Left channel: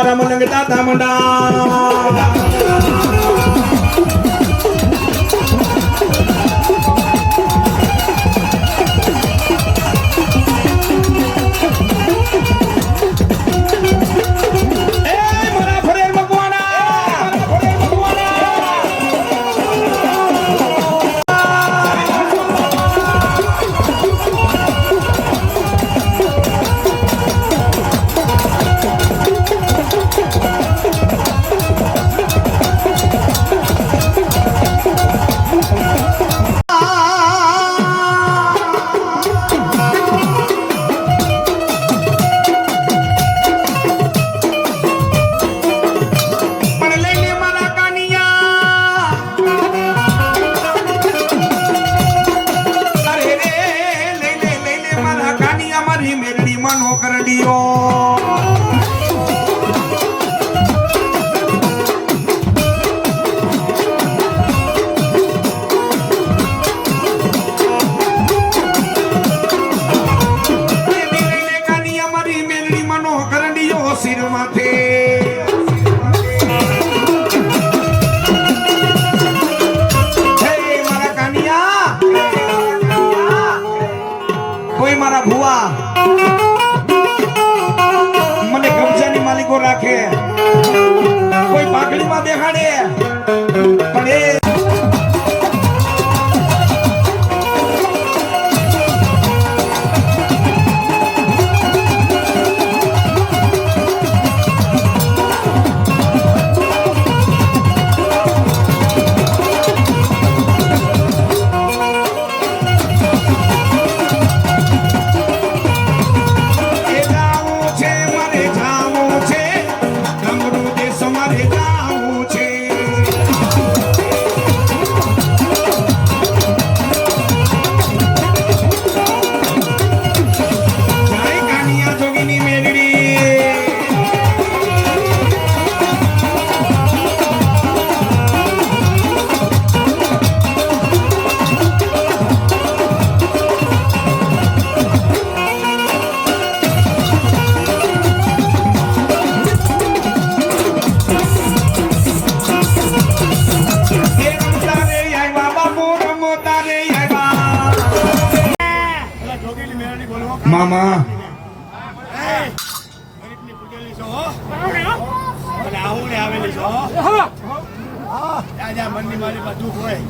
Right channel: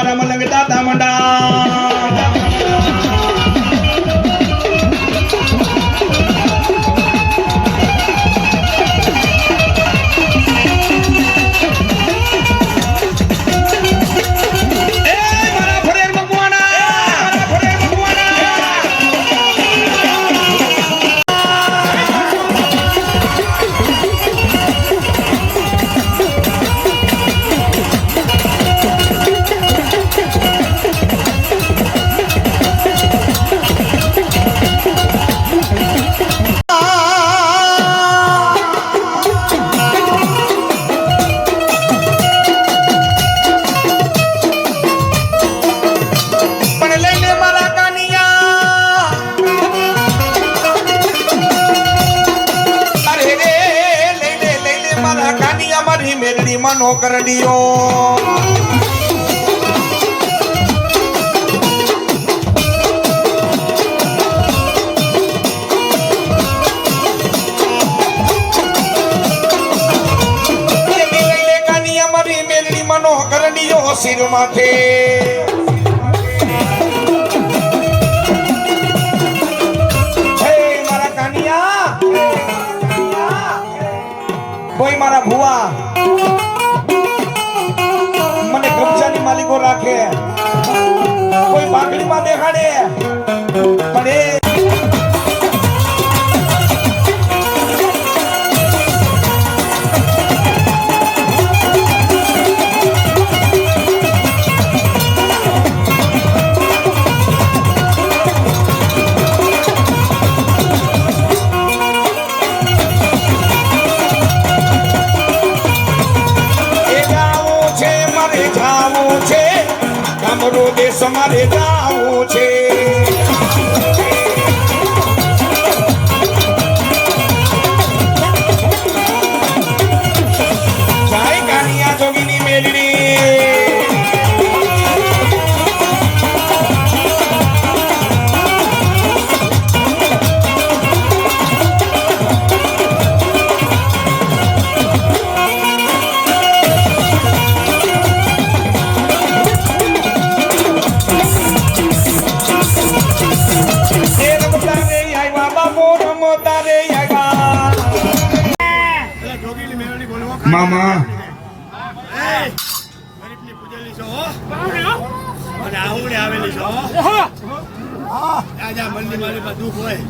મારા મલંગ દાદા મંડા કોઈ મારા ભુવા મને કબજાની માલિકો રાખે કોઈ બાગડીમાં બેહાડે પણ તમારે જાવું છે જાય કાનિયા જોગીની મેલડી મામા ગરીબની પૂજેલી છો અને આहुડે આવેલી છો રાજા મનની મારી પાસે દુઃખ હોય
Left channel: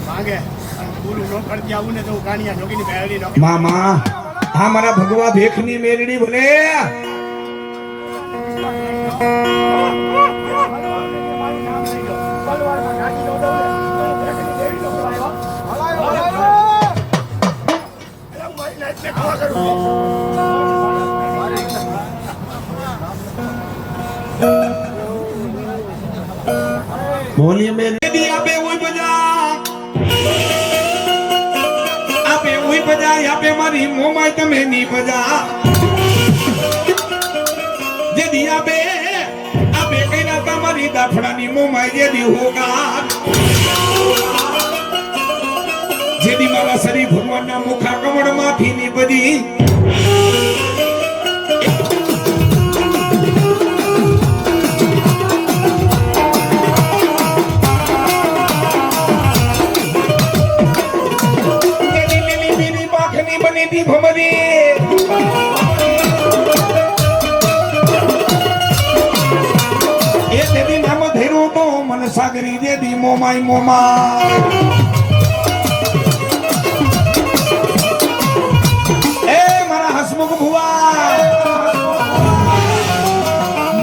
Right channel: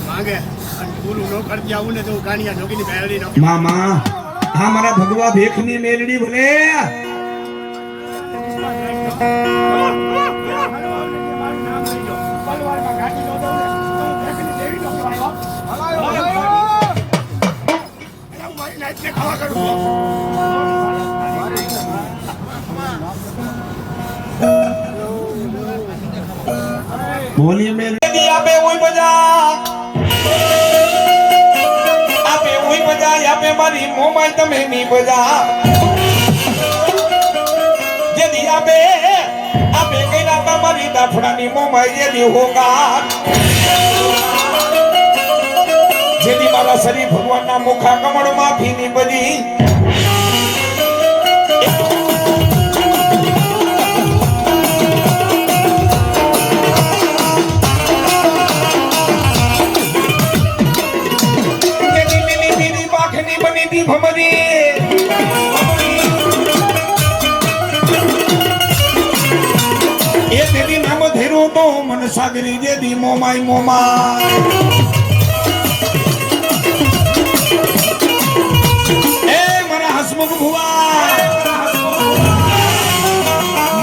માંગે અને પૂરું ન કરતી આવું ને તો હું કાનિયા જોગીની મેળડી નો મામા હા મારા ભગવા ભેખની મેલડી ભલે બોલીએ મેલડી આપે ઓય બજા આપે ઓય બજા આપે મારી મોમાય તમે ની બજા જેદી આપે આપે કઈરા તમારી દાફડાની મોમાય જેદી હોગા જેદી મારા શરીર ભગવાનના મુખા કમળ માંથી ની બધી બની ભમરી એ દેવી નામ ધેરું તો મન સાગરી દેવી મોમાય મોમાય એ મારા હસમુખ ભુવા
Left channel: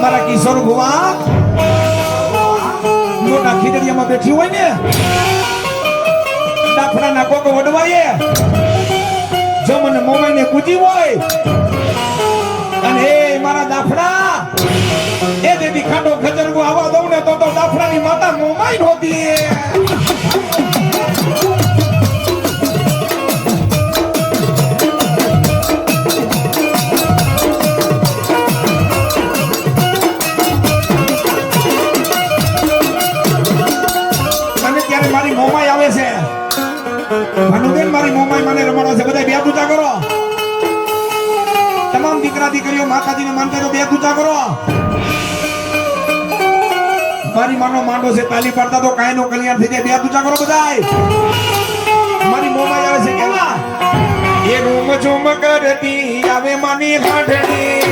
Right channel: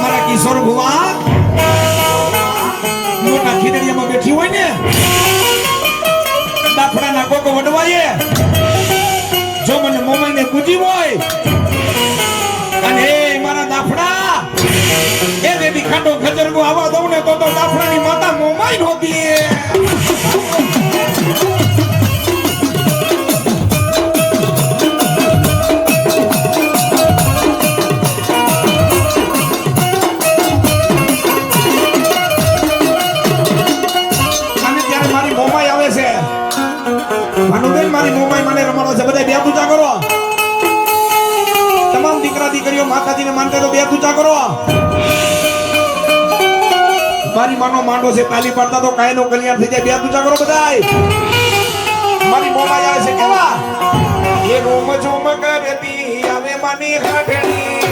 મારા કિશોર ભુવા મોટા ખીદડીયામાં બેઠી હોય ને દાફડાના કોકો વડવાય જો મને મોમાઈને પૂજી હોય અને મારા દાફડા એ દેવી ખાટો ગજરબો આવા દઉં ને તો દાફડાની માતા મોમાઈ નહોતી મનોબેન મારી મોમાઈ મને રમાડો છે બધા બે પૂજા કરો તમામ દીકરા દીકરીઓ માતાજીને માનતા તો બે પૂજા કરો મારી માનો માંડો છે તાલી પાડતા તો કાયનો કલ્યાણ થઈ જાય. બે પૂજા કરો બધાય. મારી મોમાં આવે છે કેવા એ રોમ ઝોમ કરતી આવે માની હાડણી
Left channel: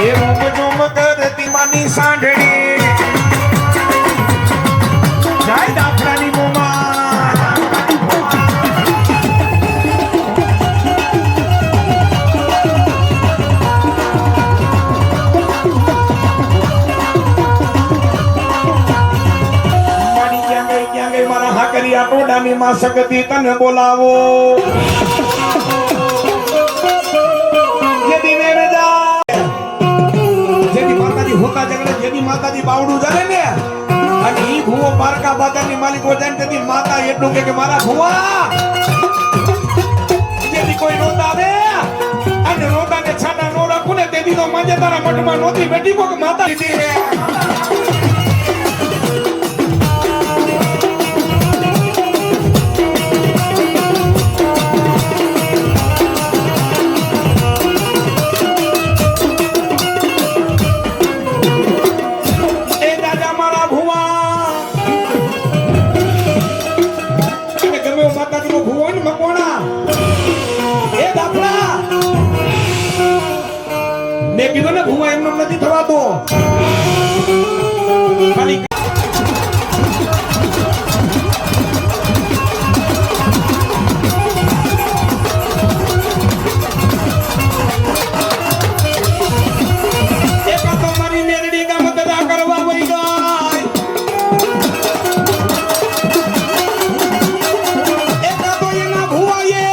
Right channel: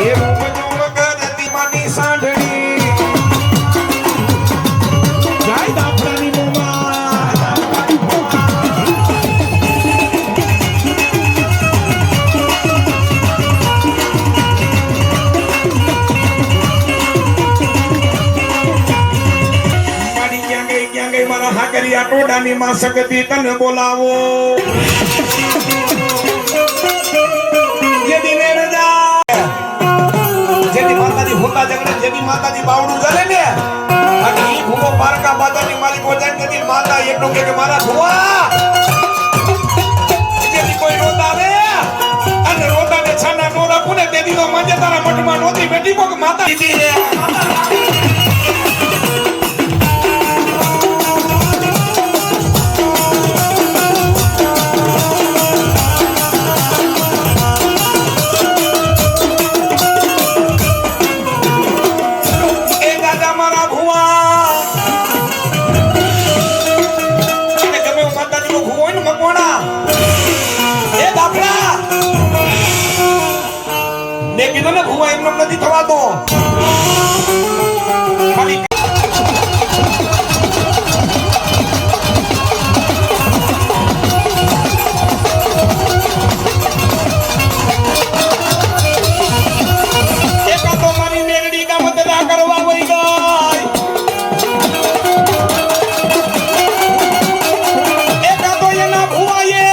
એ રોમ ઝોમ કરતી માની સાંઢણી જાય દાફડાની મોમાં મારા હાકરિયા ટોડાની માં સગતી તને બોલાવો જેદી મેળ જા જેદી માતાજી હોતા જગડે જેદી માતાજી બાવડું જલે ને અને ઈ ભૂવો પારકા બાજારની માલિકો જાણ તેદી માતા એટલું કે મારા ભૂવા જેદી કોઈ રોતા આવે અને રોતાને છાના નો રાખું ને તેદી તો મંજે તારા મઠમાં નોતી બેઠી કોક માતા મેં કીધું ને ભૂવા એમને નથી થવાતો ખાલી એકા તો મારી મેલડી કામ બધા કરવા વઈ ગઈ એકા તો એના ભૂવાએ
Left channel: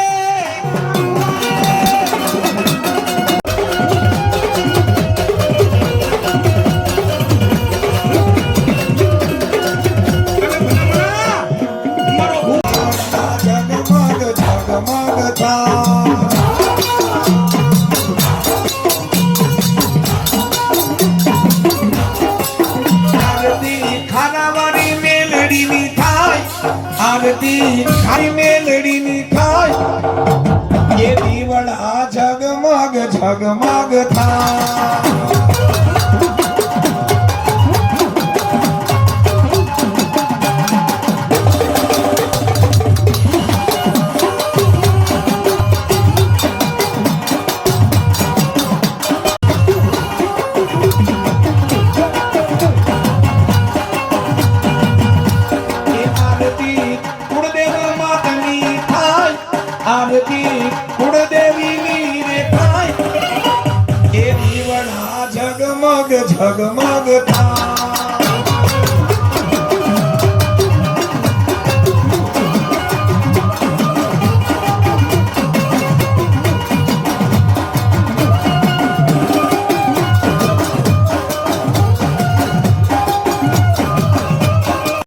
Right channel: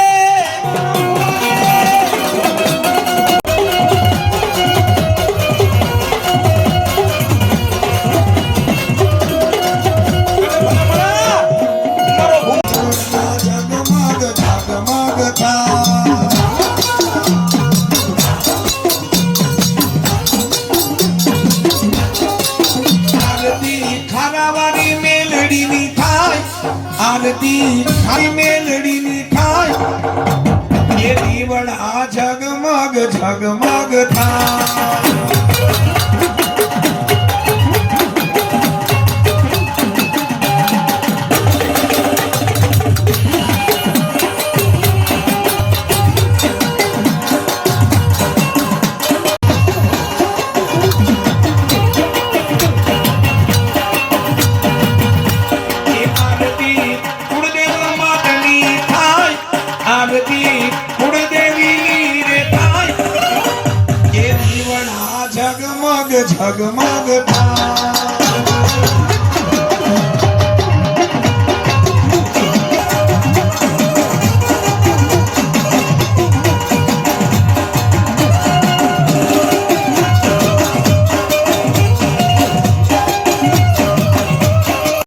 આરતી ખાઈ મેલડીની થાય એ દીવડા ઝગમગ ઝગમગ થાય આરતી કુળદેવી રે થાય એ દીવડા ઝગમગ ઝગમગ થાય